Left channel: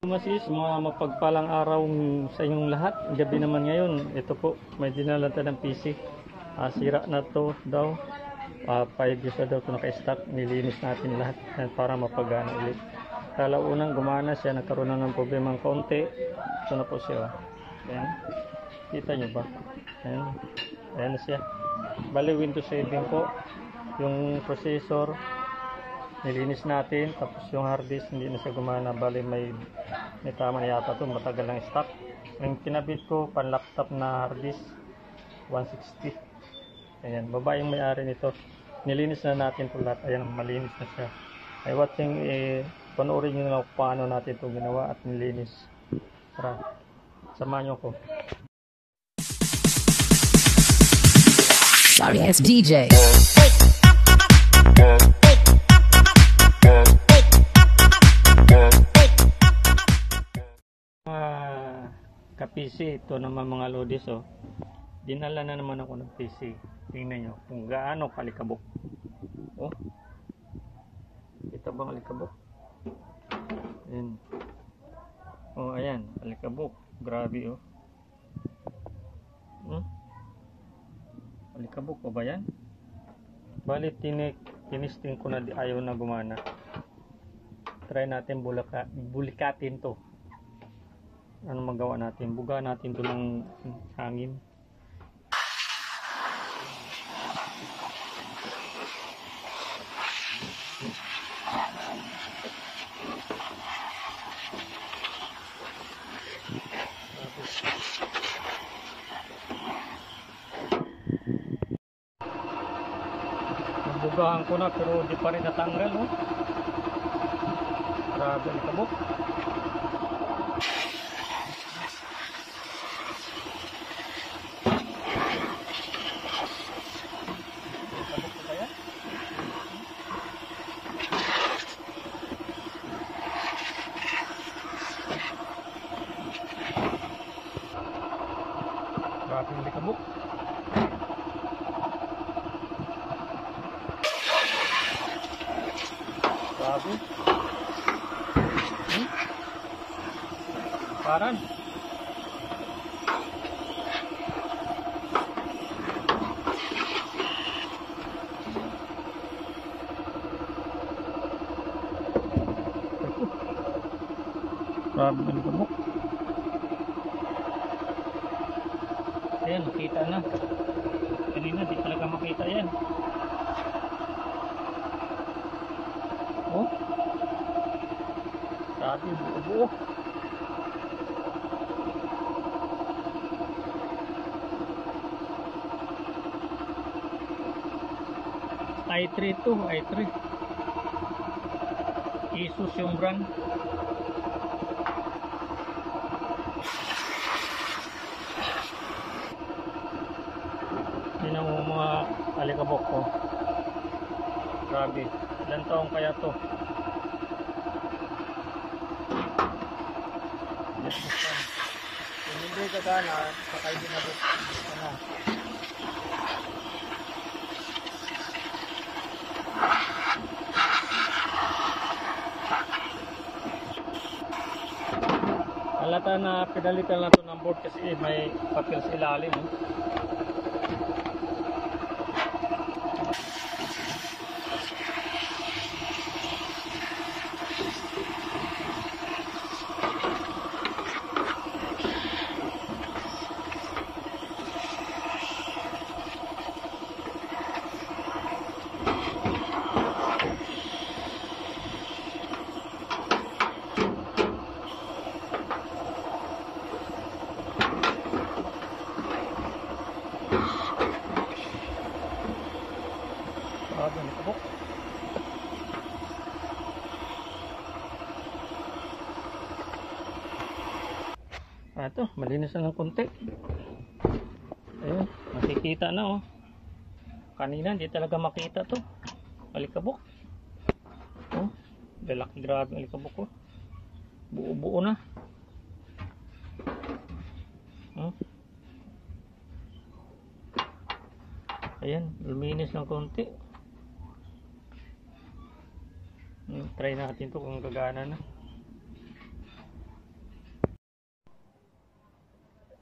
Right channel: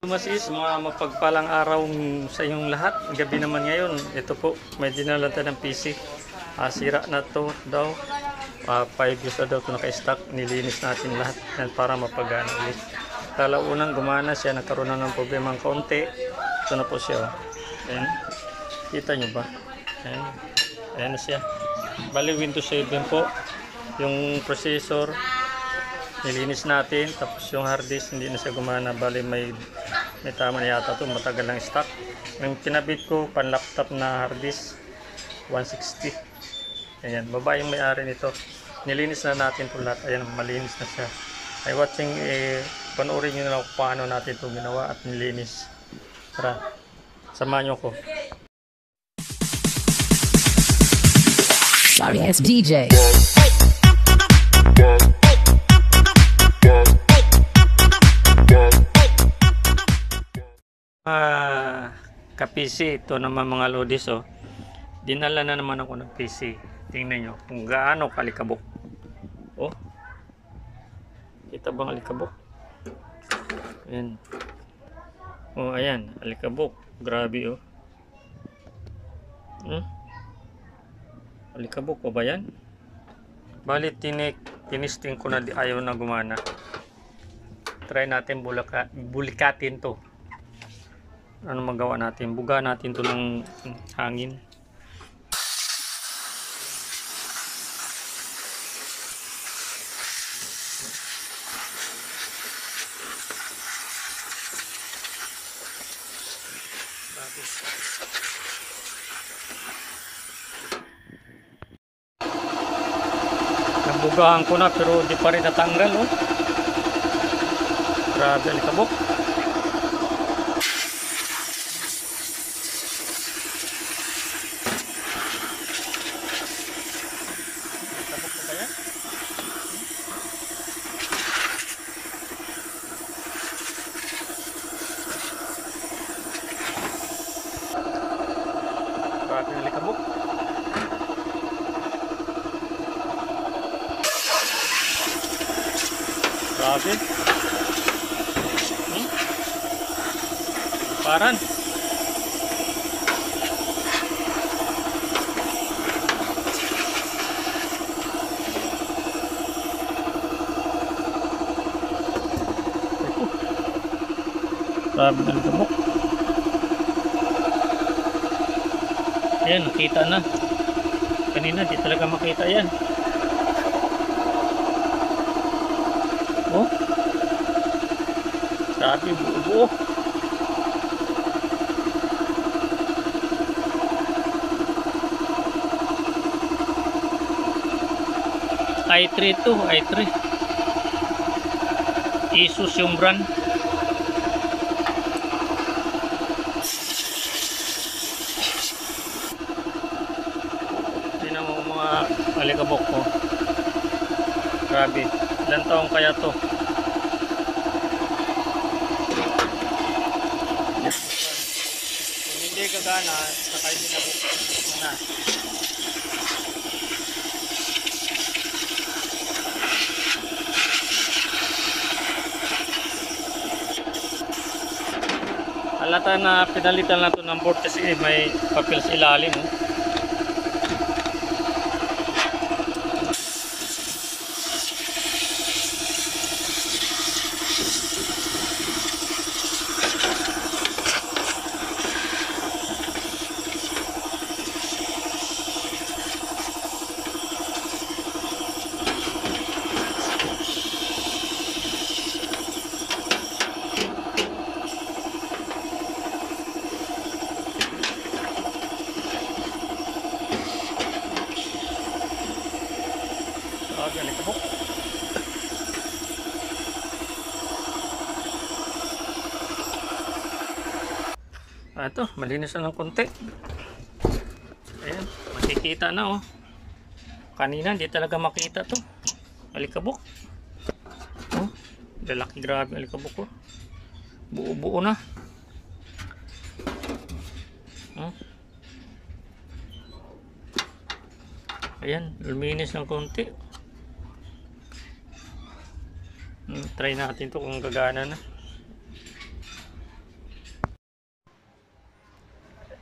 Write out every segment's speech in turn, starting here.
Masis, mga mapagpalang araw sa inyong lahat. Gabi naman ngayon. Ito po, may dinala tayo ng PC. Sira na to daw. 5 years na daw ito naka-stock. Nilinis natin lahat yan para mapagana ulit. Unang gumana siya, nagkaroon na ng problema ng kaunti. Ito na po siya. Ayan. Kita nyo ba? Ayan. Ayan na siya. Bali Windows 7 po. Yung processor nilinis natin, tapos yung hard disk hindi na siya gumana. Bali may tama na yata to, matagal lang stock. Yung kinabit ko pan laptop na hard disk 160. Ayan, babae yung may-ari nito. Nilinis na natin po lahat. Ayan, malinis na siya. Ay watching, panoorin nyo na lang paano natin ito ginawa at nilinis. Tara, samahan nyo ko. Sorry, it's DJ. Ka-PC, ito naman mga lodis, oh. Dinala na naman ako ng PC. Tingnan nyo kung gaano kalikabok. Oh, kita bang alikabok? Ayan. Oh, ayan, alikabok. Grabe, oh. Alikabok pa ba yan? Bali, tinisting ko na, ayaw na gumana. Try natin bulikatin to. Ano magawa natin? Buga natin to ng hangin. Nabugahan ko na pero di pa rin natanggal, oh. Grabe, alikabok. Grabe na likabok. Grabe. Paran. Grabe na likabok. Ayan, nakita na. Kanina di talaga makita yan. Oh, grabe, buo-buo. i3 to, i3 Asus yung brand. Tingnan mo mga alikabok ko. Grabe, ilang taong kaya to? Kung hindi gagana, sakay din na buksan na. Halata na pinalitan na to ng board kasi may papel sa ilalim, oh. Alikabok. Ito, malinis na ng konti. Ayan, makikita na, oh. Kanina hindi talaga makita to. Alikabok. Oh, lalaki, grabe alikabok, oh. Buo-buo na. Oh. Ayan, luminis ng konti. Try natin to kung gagana na.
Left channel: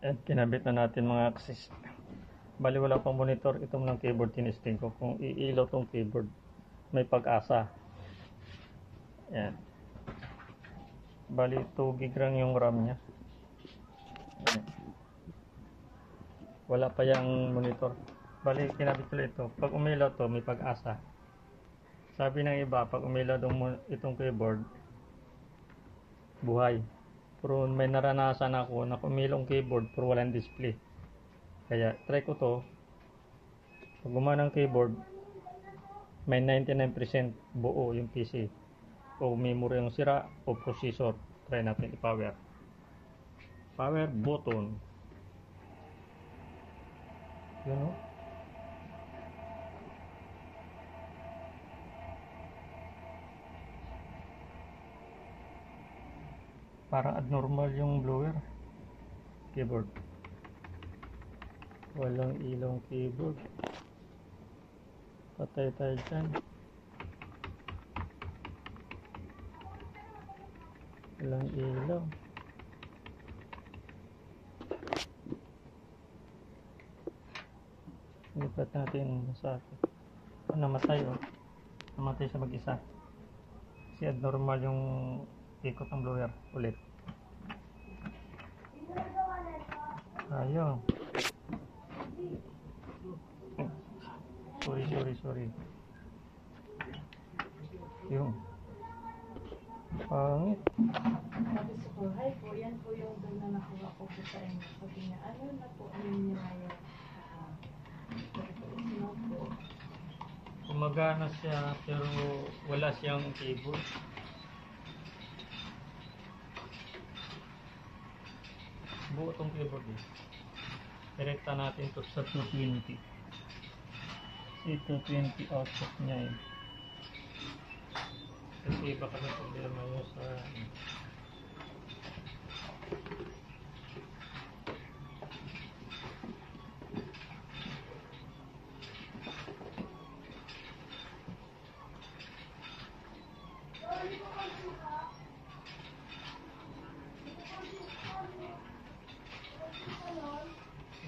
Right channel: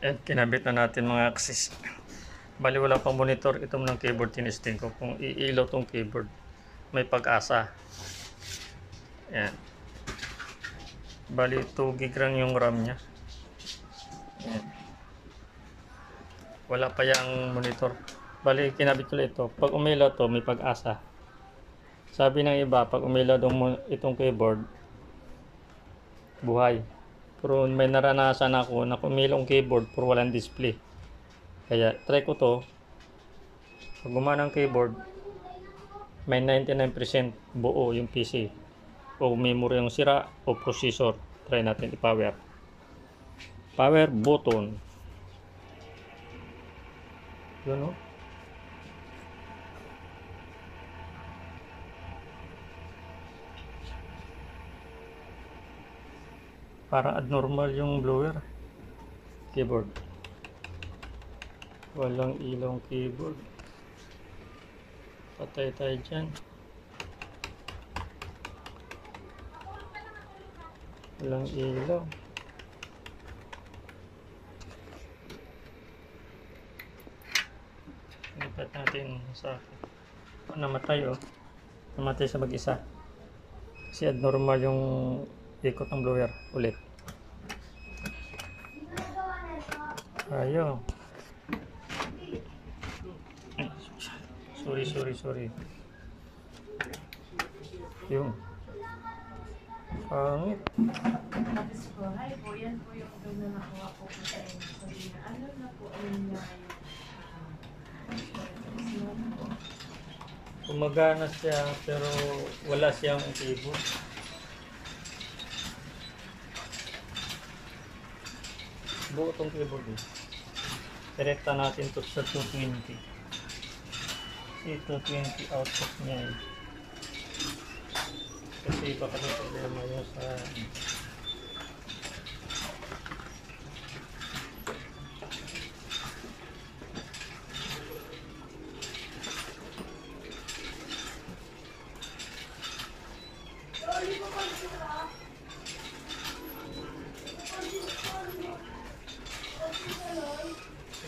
At kinabit na natin mga axis. Bali wala pang monitor itong ng keyboard, tinesting ko kung iilaw tong keyboard. May pag-asa. Yan. Bali 2 gig lang yung RAM nya. Yan. Wala pa yung monitor. Bali kinabit ko ito. Pag umilaw to may pag-asa. Sabi ng iba pag umilaw itong keyboard buhay. Pero may naranasan ako na umilaw ang keyboard pero walang display. Kaya try ko to. Pag gumana ang keyboard, may 99% buo yung PC. O memory yung sira o processor. Try natin i-power. Power button. Yun o. Parang abnormal yung blower. Keyboard. Walang ilong keyboard. Patay tayo dyan. Walang ilaw. Lipat natin sa akin. Namatay oh. Namatay sa mag-isa. Kasi abnormal yung ikot ng blower. Ulit. Ayaw. Sorry. Yung pangit. Tapos po, hi po, yan po yung doon na nakuha po po sa inyo. Sabi niya, ano na po, ano niya yung Gumagana siya pero wala siyang keyboard. Buo tong keyboard eh. Direkta natin to sa 220. Si 220 output niya eh. Kasi baka may problema yun sa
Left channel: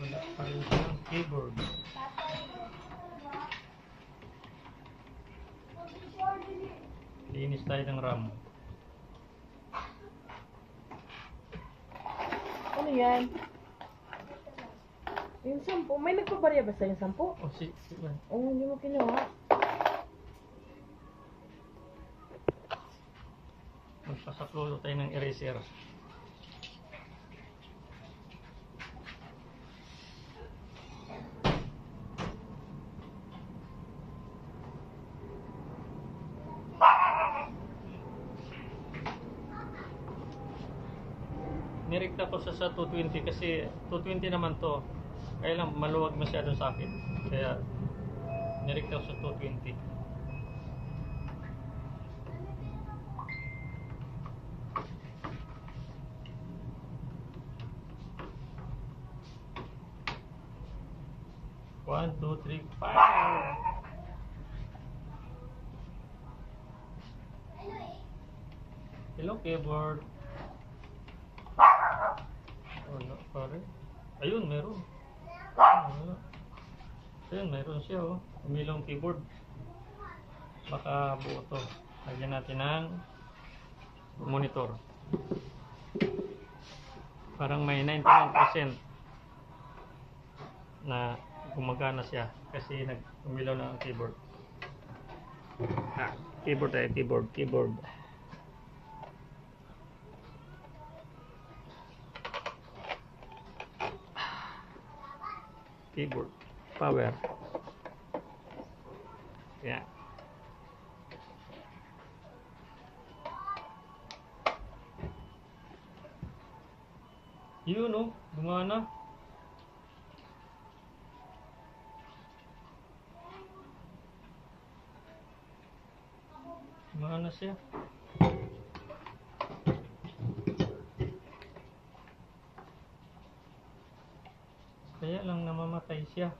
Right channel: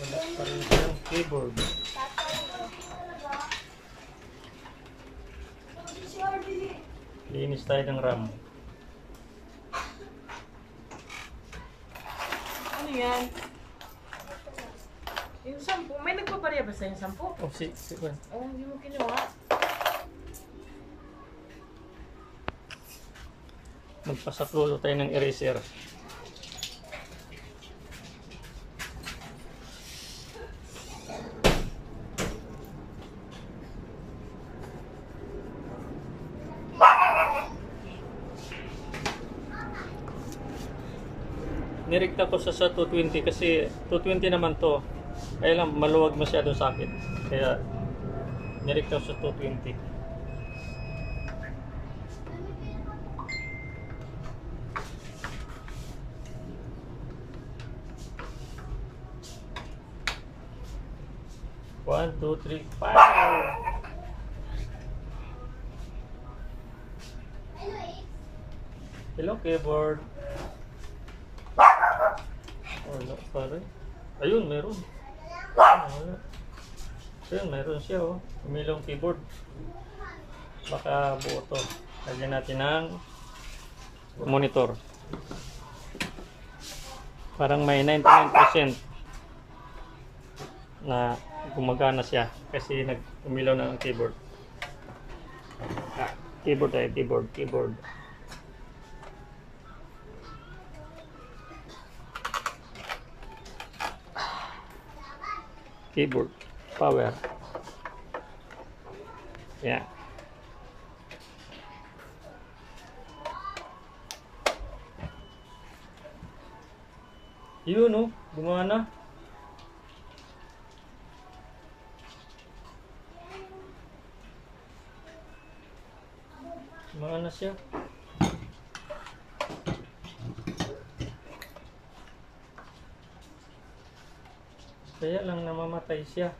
wala pa rin siyang keyboard. Linis tayo ng RAM. Ano yan? Yung 10, may nagpabarya ba sa yung 10? Oh, sige. Oh, hindi mo kinuha. Magpasaklulo tayo ng eraser. Nirekta ko sa 220 kasi 220 naman to. Kaya lang maluwag masyado sa akin. Kaya nirekta ko sa 220. One, two, three, five. Hello, keyboard. Wala pa rin. Ayun, meron. Ayun, meron siya oh. Umilong keyboard. Baka buo to. Lagyan natin ng monitor. Parang may 99% na gumagana siya kasi nag-umilaw na ang keyboard. Keyboard tayo, keyboard. Keyboard, power. Yeah. Yun oh, gumana. Gumana siya. Kaya lang namamatay siya.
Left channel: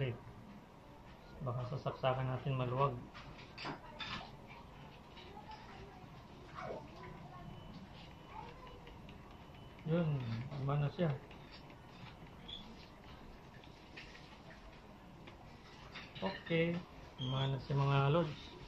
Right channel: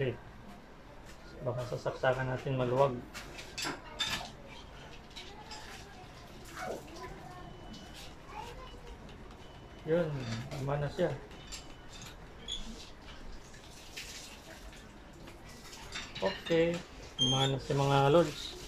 ulit. Baka sasaksakan natin maluwag. Yun, tama na siya. Okay, tama na si mga lods.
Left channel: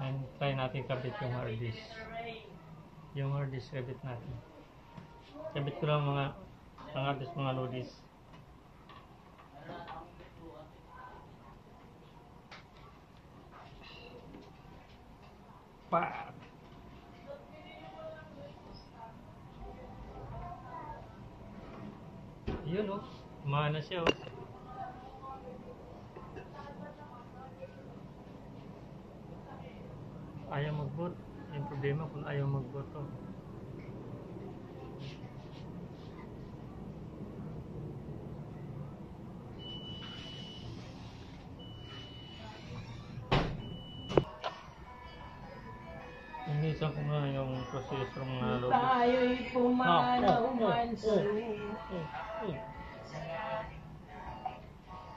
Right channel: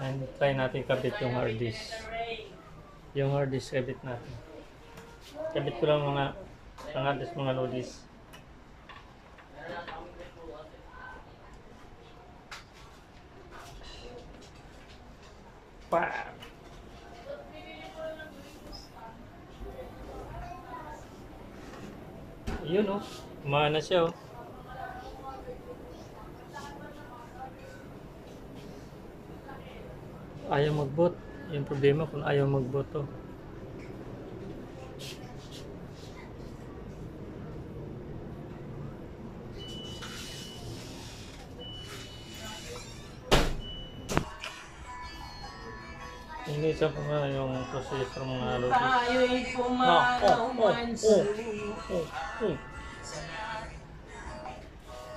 And try natin kabit yung hard disk. Yung hard disk kabit natin. Kabit ko lang mga hard disk, mga low disk. Bam! Yun oh, umana siya oh. Ayaw mag-boot. Yung problema kung ayaw mag-boot to. Inisan ko nga yung processor mga lobby. Tayo'y pumanaw man sa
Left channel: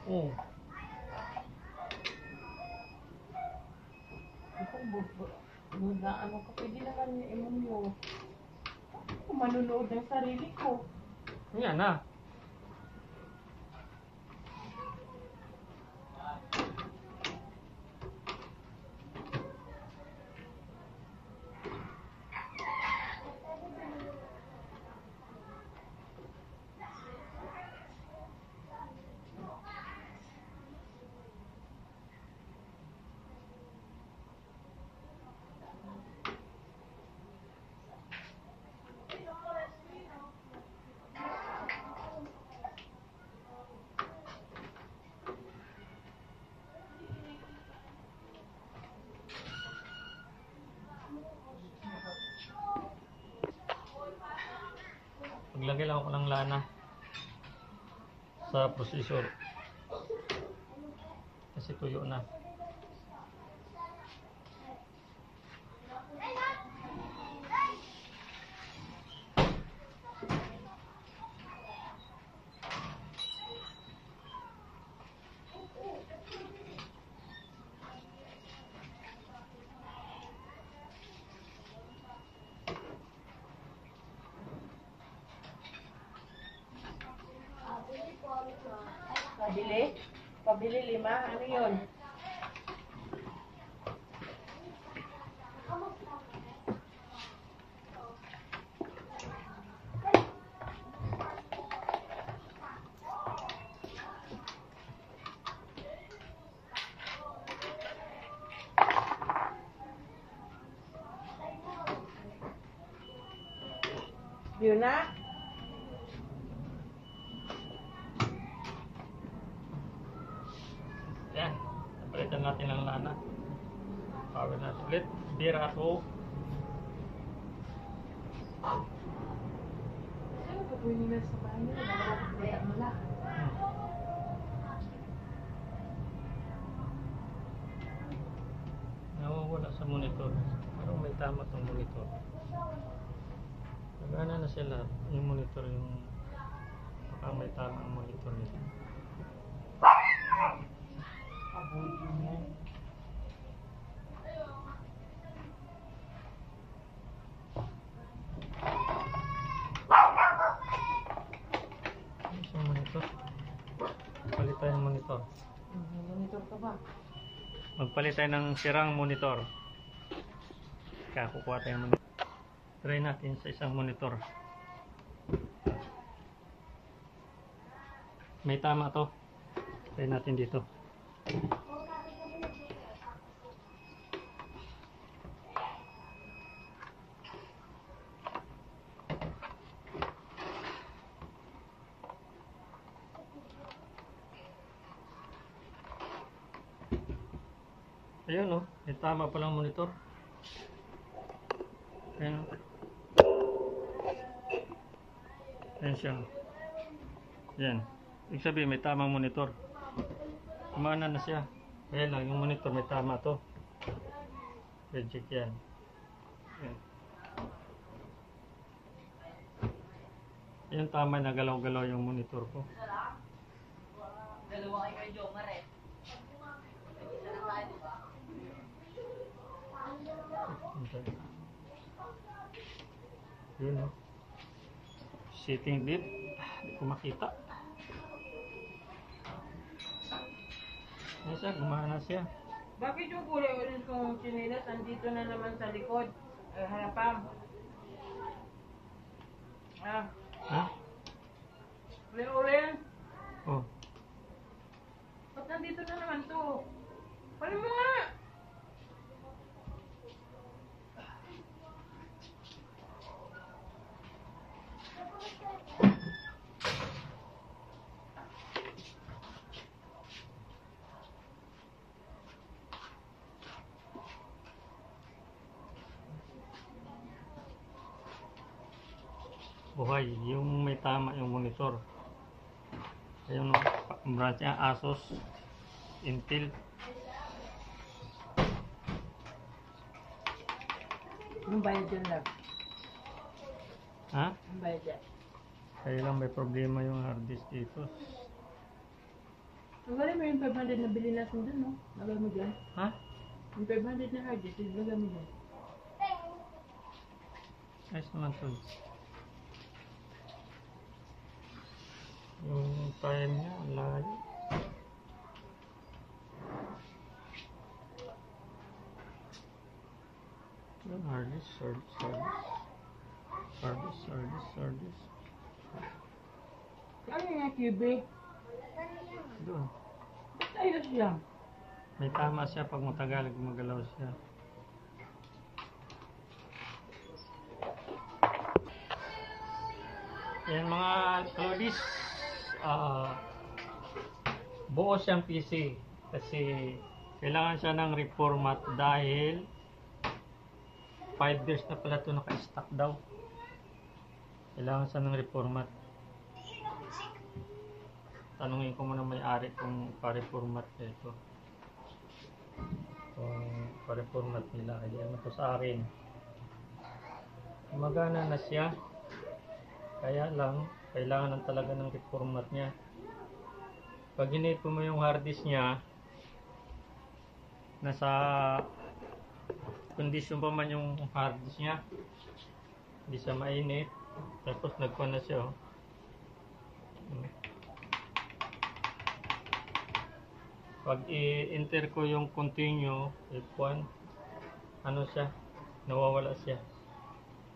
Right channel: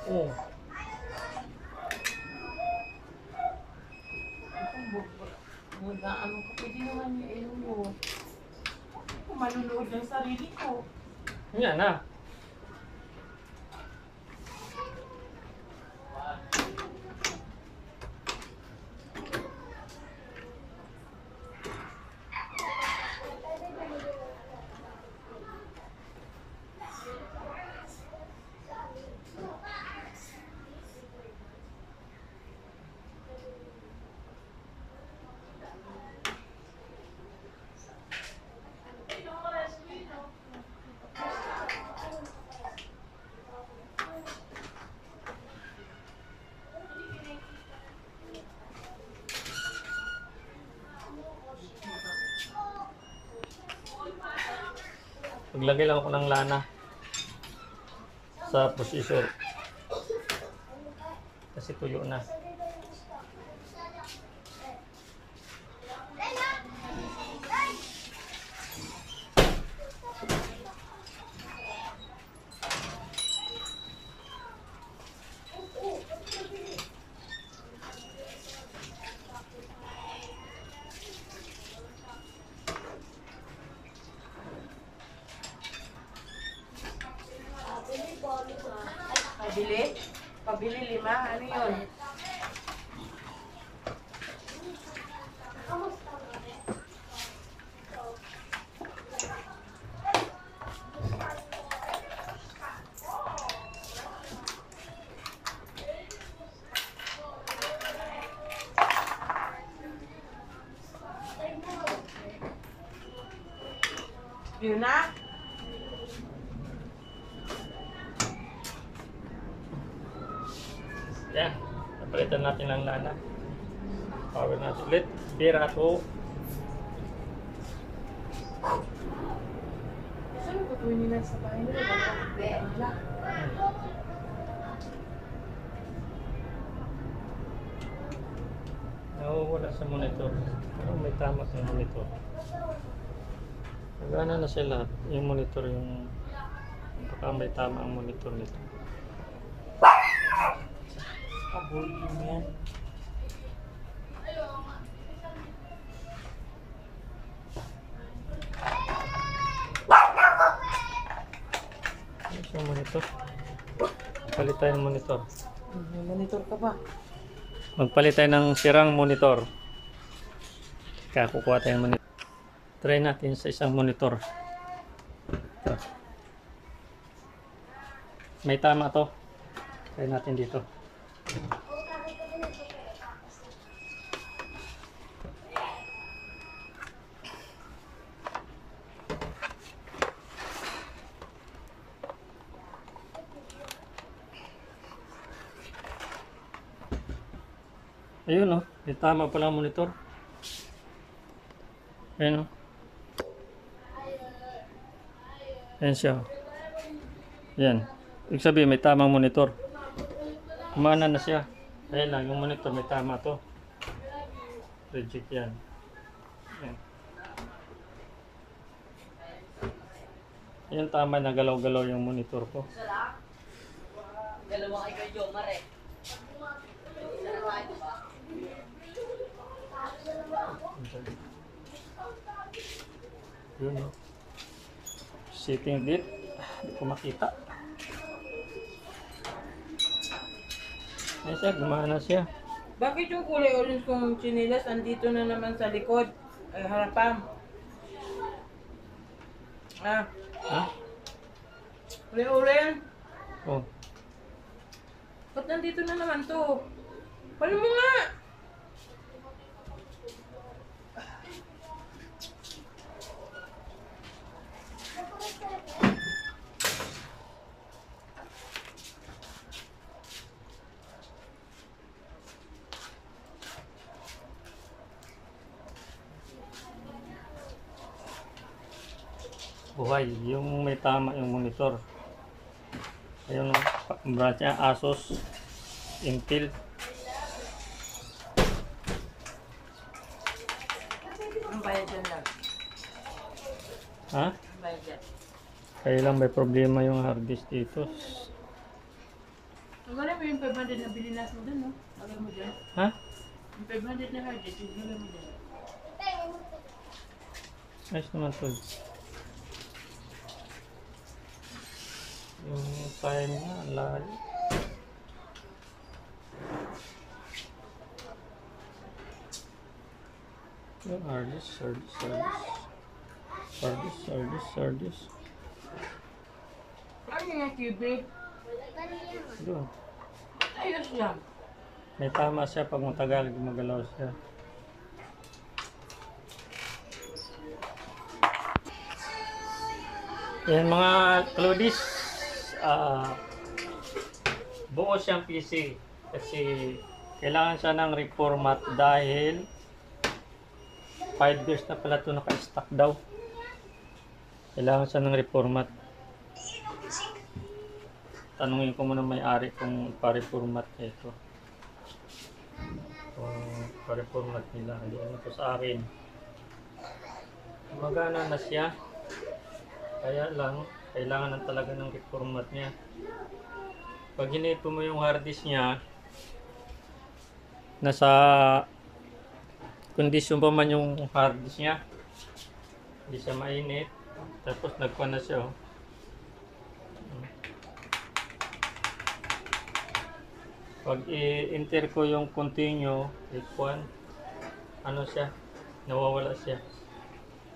Oh. ano ka, pwede naman yung ilong mo. Kung manunood ng sarili ko. Yan na. Maglagay lang ako ng lana sa processor kasi tuyo na. Pabili? Pabili 5? Ano yun? Yun na? Yan, napalitan natin ng lana. Power natin ulit. Bira to. Saan ko po nila sa bahay nila? Kaya nila. Nawawala sa monitor. Parang may tama sa monitor. Nagana na siya lahat. Yung monitor, yung baka may tama ang monitor nito. Avoiding yan. Yung monitor. Palit tayo ng monitor. Monitor ka ba? Magpalit tayo ng sirang monitor. Kaya kukuha tayo ng monitor. Try natin sa isang monitor. May tama to. Try natin dito. Ayun oh, may tama pala ang monitor. Ayun oh. Ayan siya. Yan. Ibig sabihin may tamang monitor. Kumana na siya. Ayan lang, yung monitor may tama to. Reject yan. Yan. Yung tama na galaw-galaw yung monitor ko. Dalawa kay Jomar eh. Yun o. Sitting gate. Hindi ko makita. Ayan siya, gumana siya. Bakit yung kulay orange kong chinilas andito na naman sa likod? Ay, harapan. Ah, Ha? kulay orange. Oh. Ba't nandito na naman to? Pali mo nga! Buhay, yung may tama yung monitor. Ayun o, brand niya, Asus, Intel. Anong bayad dyan lang? Ha? Anong bayad dyan? Kaya lang may problema yung hard disk dito. Wala mo yung 500 na bili natin dun, no? Lagay mo dyan. Ha? Yung 500 na hard disk, lagay mo dyan. Ayos naman to. Yung time niya, ang layo. Yung hard disk, hard disk, hard disk. Hard disk, hard disk, hard disk. Ano yung cubic? Doon. Ayos yan. May tama siya pag matagal gumagalaw siya. Yan mga Claudis, buo siyang PC kasi kailangan siya ng reformat dahil 5 years na pala ito naka-stock daw. Kailangan siya ng reformat. Tanungin ko muna may-ari kung pa-reformat niya ito. Kung pa-reformat nila, ayan ito sa akin. Magana na siya. Kaya lang, kailangan ng talaga ng reformat niya. Pag hinito mo yung hard disk niya, nasa kondisyon pa man yung hard disk niya. Hindi siya mainit. Tapos nagkuha na siya. Oh. Pag i-enter ko yung continue, F1, ano siya, nawawala siya.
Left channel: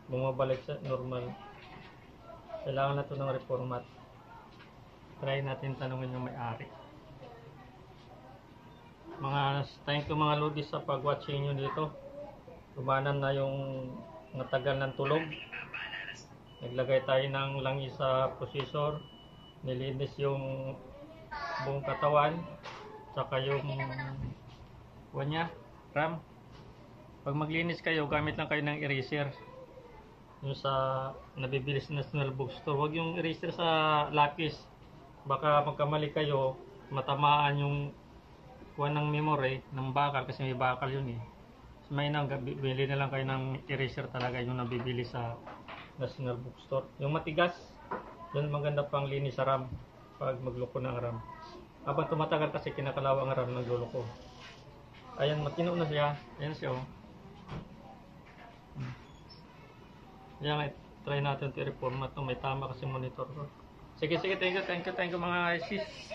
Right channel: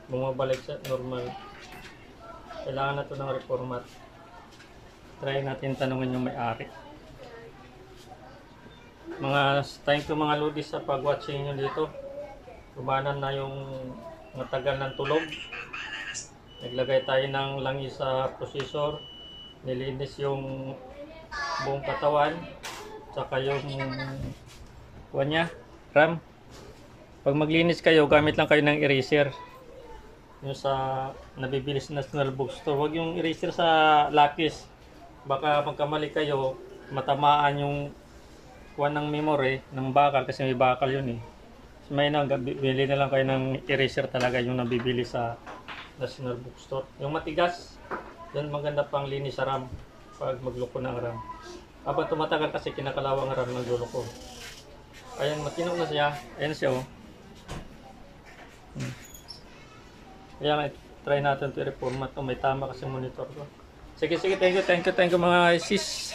Bumabalik sa normal. Kailangan na ito ng reformat. Try natin tanungin yung may-ari. Thank you mga Ludis sa pag-watching nyo dito. Kumanan na yung matagal ng tulog. Naglagay tayo ng langis sa processor. Nilinis yung buong katawan. Saka yung RAM. Pag maglinis kayo, gamit lang kayo ng eraser. Yung sa nabibili sa National Bookstore. Huwag yung eraser sa lapis. Baka pagkamali kayo, matamaan yung kuha ng memory ng bakal kasi may bakal yun eh. May bili na lang kayo ng eraser talaga yung nabibili sa National Bookstore. Yung matigas, yun maganda pang linis sa RAM pag magloko ng RAM. Habang tumatagal kasi kinakalawa ang RAM ng luloko. Ayan, matino na siya. Ayan siya oh. Ayan, try natin ito i-reformat to. May tama kasi monitor ko. Sige, thank you mga sis.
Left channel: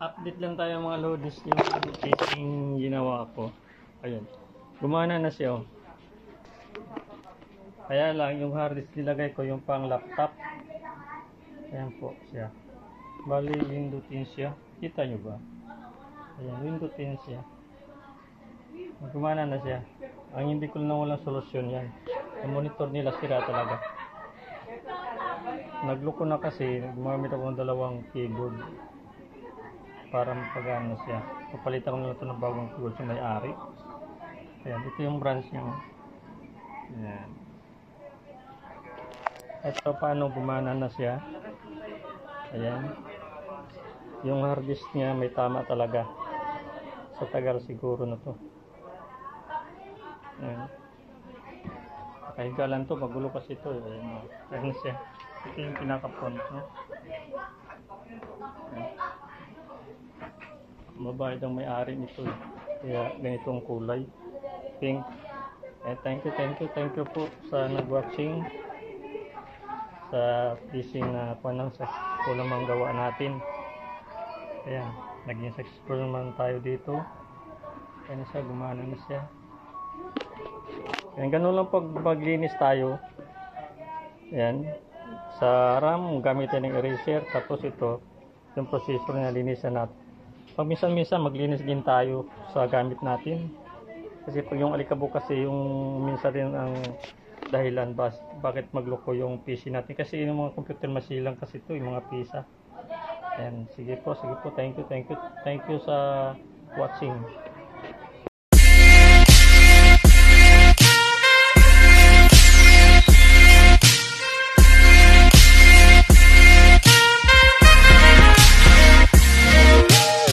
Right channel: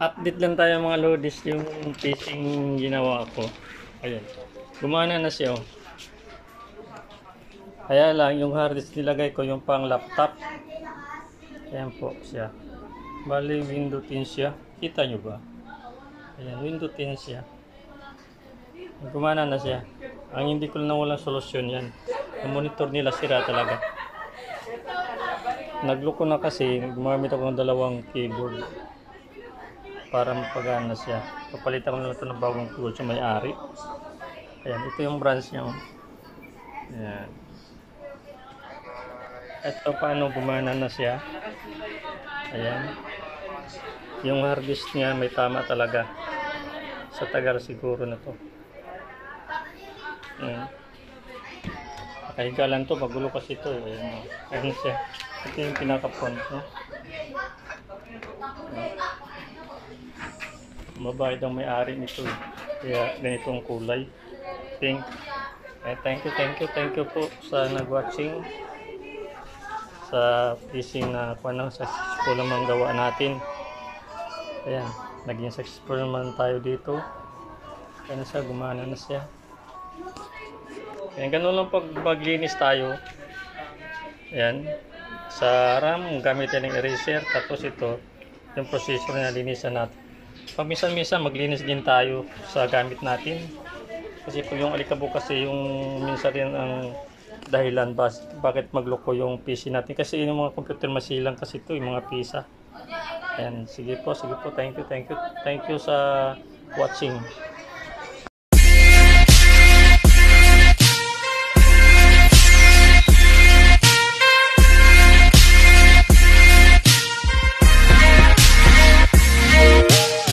Update lang tayo mga Lodis yung casing ginawa ko. Ayan. Gumana na siya oh. Kaya lang yung hard disk nilagay ko yung pang laptop. Ayan po siya. Bali window 10 siya. Kita nyo ba? Ayan, window 10 siya. Gumana na siya. Ang hindi ko na walang solusyon yan. Yung monitor nila sira talaga. Nagloko na kasi. Gumamit ako ng dalawang keyboard para mapagana siya. Papalitan ko na ito ng bagong keyboard sa may-ari. Ayan, ito yung branch niya. Ayan. Ito paano gumana na siya. Ayan. Yung hard disk niya may tama talaga. Sa tagal siguro na to. Ayan. Nakahiga lang to, magulo kasi ito. Ayan, ayan siya. Ito yung pinaka-front niya. Mabait ang may-ari nito. Kaya ganitong kulay. Pink. Thank you po sa nag-watching sa fishing na successful naman gawa natin. Ayan, naging successful naman tayo dito. Kaya na siya, gumana na siya. Ayan, ganun lang pag maglinis tayo. Ayan, sa RAM gamitin ng eraser, tapos ito yung processor na linisan natin. Pag minsan maglinis din tayo sa gamit natin. Kasi pag yung alikabok kasi yung minsan rin ang dahilan bakit magloko yung PC natin. Kasi yung mga computer masilang kasi ito, yung mga pisa. Ayan, sige po, thank you sa watching.